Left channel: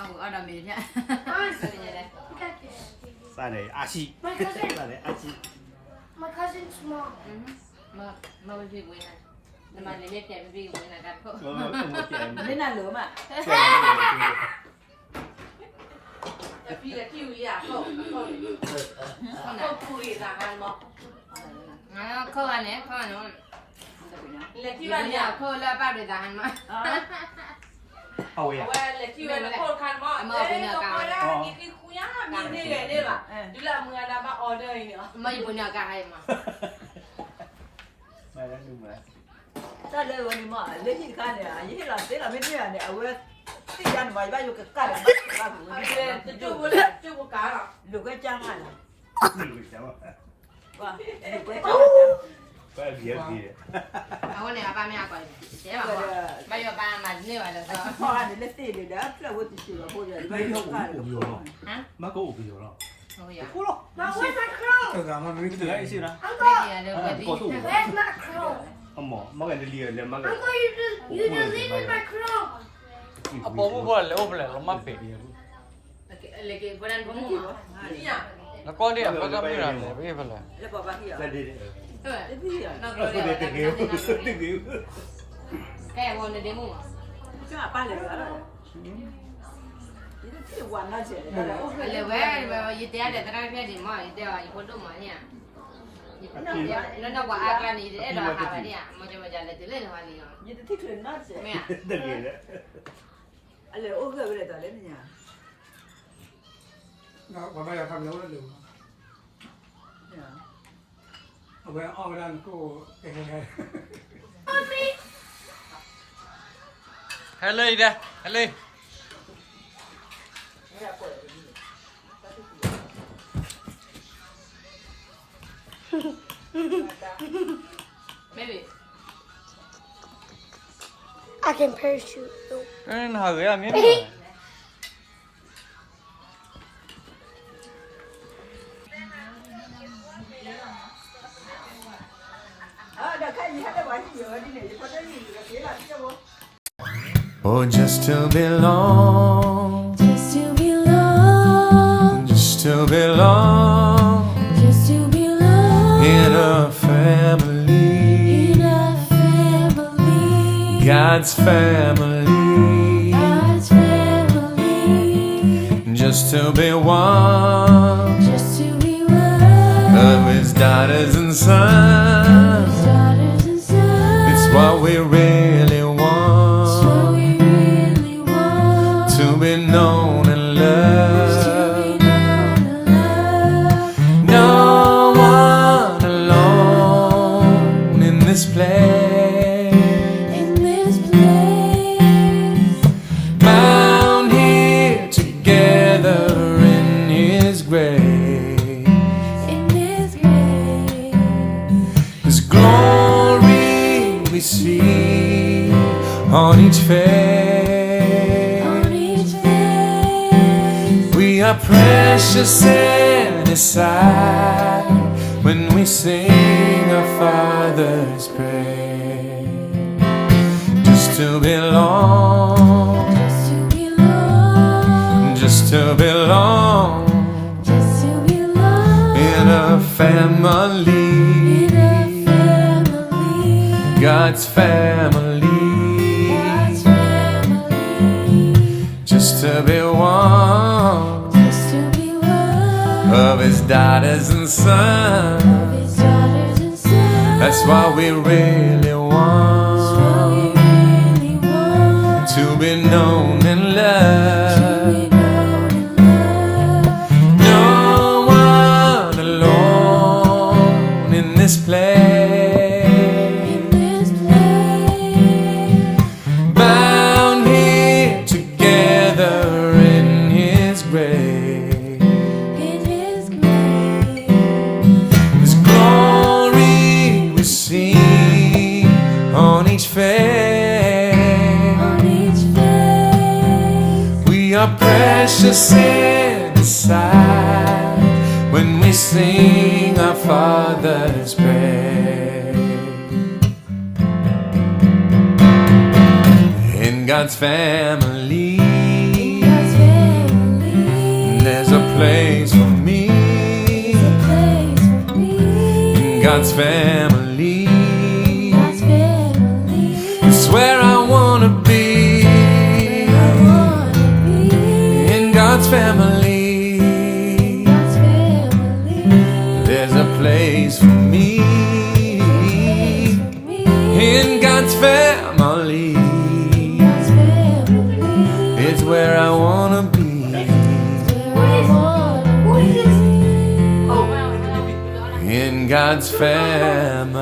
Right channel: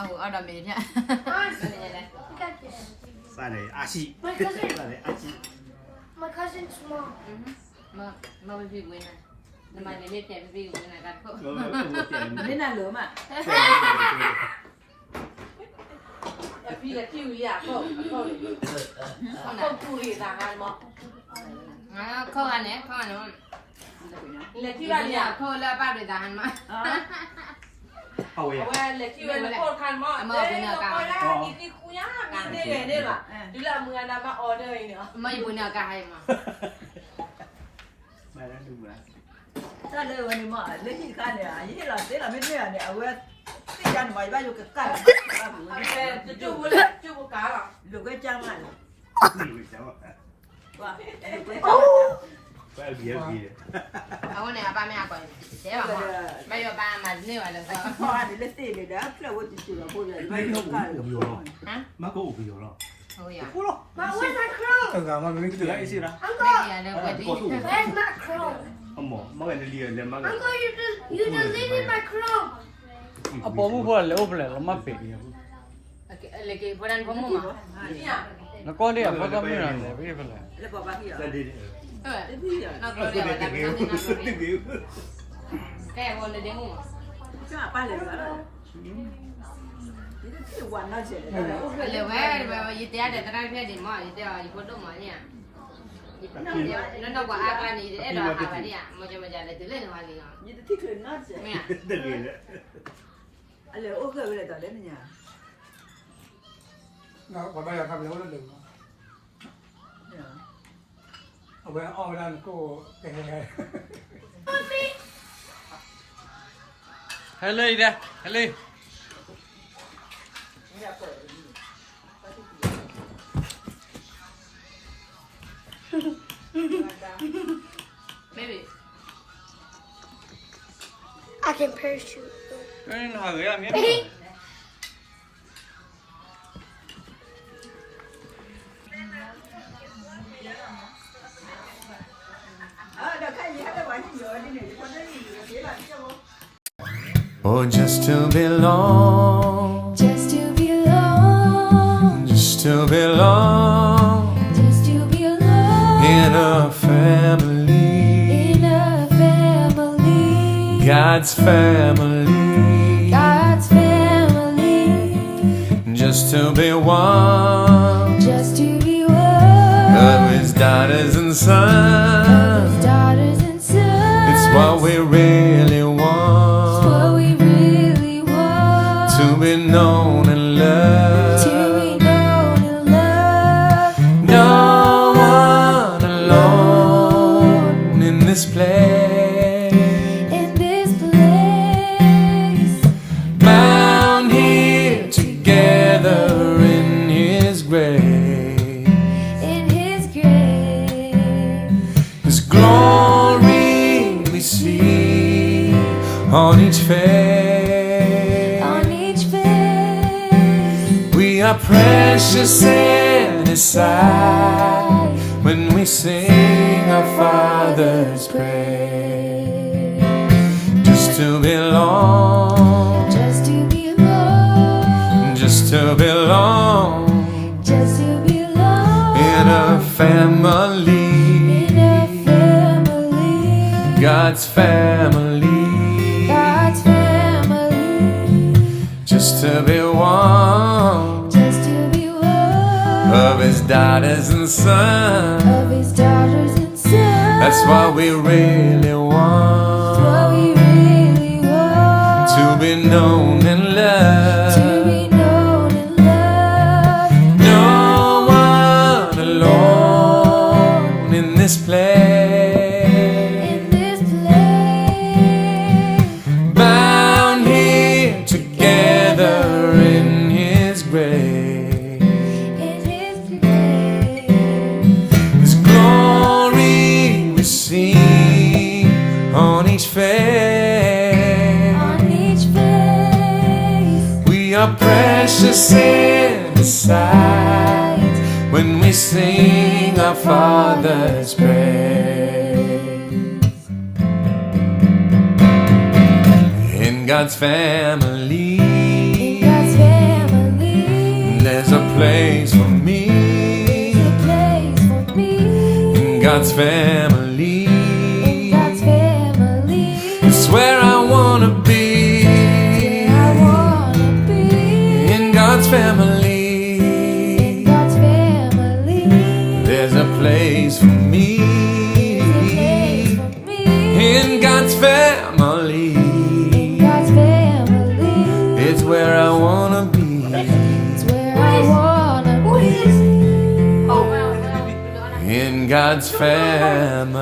Oh, ada beda. Look at this. Sale, así. My cousin. Sale, así. My cousin's small. Mà bị quên này. Nhưng mà lấy kẹo bị quên này đặt không? Đến là lửa mà. Phi là kêu gì à? Không nào. Phi là ăn mà. Không ăn đấy, không ăn không? Là kêu Thì là bây gì giờ à? không là bao để ăn mà. Ôi à. Là kêu là cô khăn mà. Mà bên nào cả. Cái khu nhá, mình đây đây mà. Chứ là người nào mà order nữa. Mấy bữa nào cả hay mà. Mày đang đừng mà. Ta đâyวันนี้มาเล่นที่กันเนี่ยยี่หล่ะเจ๊ล่ะไม่เนี่ยเนี่ยเอาไว้ที่ยันไว้บ้านอยู่กับกัน Chú có cá à? ดูก็จ้างมัน Gì cháu. ว่าดูก็จ้าง Phải bia bia. Ông này ba mẹ còn thế mà bây giờ ba mà như vậy là พ่ออันนี้เล่นตีเลยนะเพื่อว่าจะชื่อพูดเลยไม่รู้กัน hả? Má có ủ bia rồi. Thôi à. Mom, where's my crown? Mà mình cứ lại xí ra. Uncle, Bây giờ được vậy đi. where's my crown? Ông mỏ, má cái lìa lên má cái. Uncle, you deleted my crown. Apa mu boleh, boleh lemah pe. Lagi bulan kamu mah. Nak kau dia apa kau mira ni? Pergi boleh. แล้วบอกว่าพี่อ่ะ Ra đi. เออ พี่อ่ะ นอกเราเดี๋ยวเราไม่ต้องนั่งเลยแค่วันเดียวมึง จ้าป้าเลยนะนี่ที่วันน่าเจ๋งเลย เลยเว้ยแบบยึดเตี้ยเดี๋ยวตั้งแค่เดี๋ยวมั่วยึดเตี้ยยึดคนดูมั่วเนี่ยยึดเตี้ยแล้วเราว่าอาการนี้เดี๋ยวเราหาแบบนี้มันจะเลยตื่นเล่นวันนี้อ่ะ นี่ที่คืนน่าเจ๋ง ไม่อ่ะ Đừng gì nữa. อะไรโอ้เคยไปเลยตอนเล่นเนี่ย còn bây giờ thằng nấu là đừng ở bên ở bên cô cái Hello dia, hello. Baby I can parachute. Cái nào gửi anh nhé. Oh, just to belong, Just to belong, just to belong just to belong in a family, in a family, God's family, God's family, just to be one just to be one of His daughters and of sons. His daughters and sons. It's what we really It's want, what we really want to be known and to loved. be known and loved. No one alone in this place, In this place, bound here together in His grace. in His grace, His glory we see on each face. on each face, We are precious in His sight when we sing our Father's praise. Just to belong, just to belong, just to belong just to belong in a family, in a family, God's family, God's family, just to be one just to be one of His daughters and sons. of His daughters and sons. That's what we really What want, we really want to be known and to loved. be known and loved. No one alone in this place, In this place, bound here together in His grace. in His grace, His glory we see on each face. on each face, We are precious in His sight when we sing our Father's praise. In God's family, in There's a place for me Place for me in God's family. God's family. It's where I wanna be I wanna be in God's family. God's family. There's a place for me For me. in God's family. God's family. It's where I wanna be. It's where I wanna be. In God's family.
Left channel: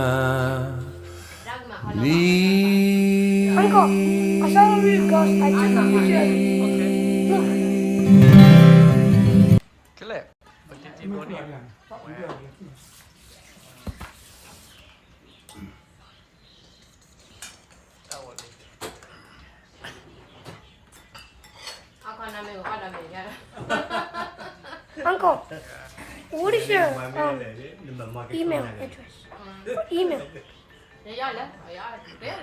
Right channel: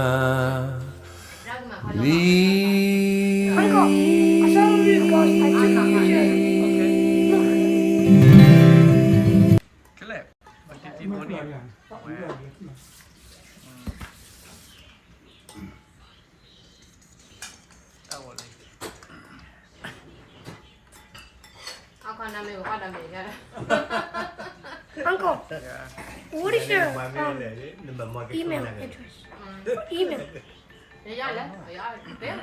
ကလေးမတိတိ ไม่ ဘော เปลี่ နီ ยนอย่างไม่เปลี่ยนเลย အော်လေ အခါနာမေကိုအောက်နာမေရတာ Uncle, what is your မမေလေနမမာကက် email နာက address? Email. ရရလဲရ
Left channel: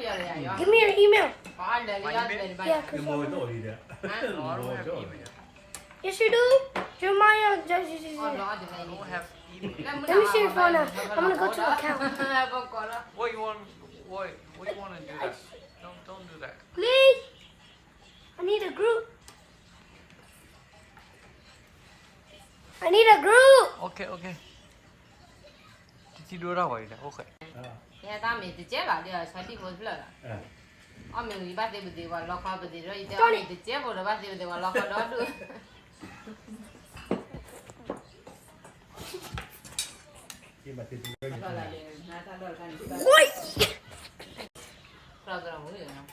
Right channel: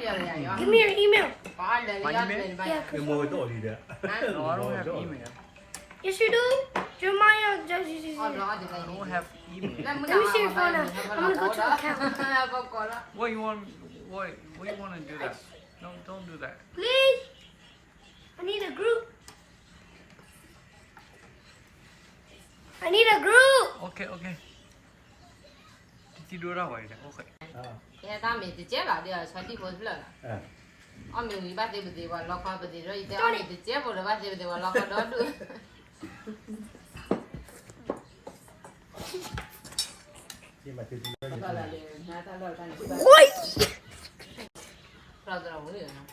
ရရရ Give me your email. ဘာလဲရပြန်ပါ ဒီမောတော့ဒီတဲ့ No, I don't have email. Yes, you do. Jeremiah does this. အော်တော့ဒီလို I don't have email. လက်မနာပါဘူးဘာလို့ဘောကောလား What you want? What you want to do that? Don't do that. Please. I need a group. I need a group. Okay, okay. Did you do that way? Okay. ရတာမေတကျဲပါတဲ့ဆွာတိကိုဖလာအမေဒီဘာတေဘဒီဝါလောက်ခေါ်တဲ့ရည်တဲ့အမေတကျဲပေါ်တော့ဘာတေဘဒီဝါလောက်ခေါ်တော့သူ ဒီမှာတိတိ ဘာလာလဲငါတော့ကန်စီပါ Wait. တော့တော့ဝင်ရအောင်